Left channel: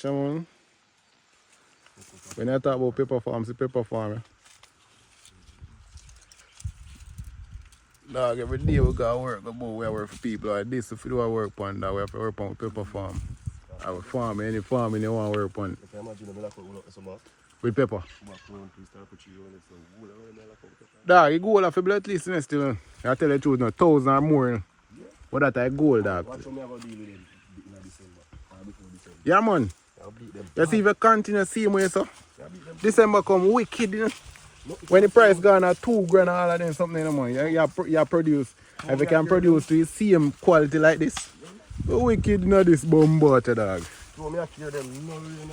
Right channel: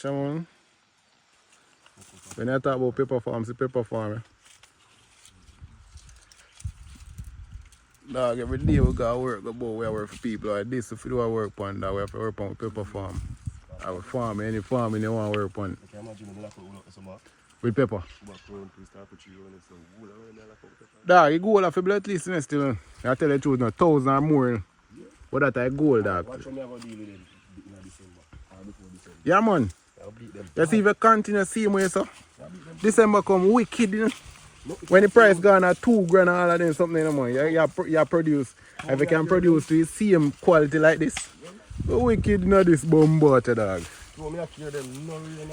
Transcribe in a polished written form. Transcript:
So, when I talk about pepper farm, it's a pepper farm. Nah, every day we can work about we work for people like this. If you don't work on that, we have to work on pepper farm. Or farm, any farm you want to work on. I can imagine them like some with pepper. Nah, you go there for at least next year. I tell you the truth, 1,000 more. But that's a goal, dog. Watch how me have a deal with them in December. Before December. Yeah, man. I'll beat them. You see if you continue to see me, so December come wicked, you know. When the price gone at $2 grand and all of them something, you know, man, you produce. If you can produce the same quality like this, you wicked, not this bomb butter, dog. So me I care them, no really.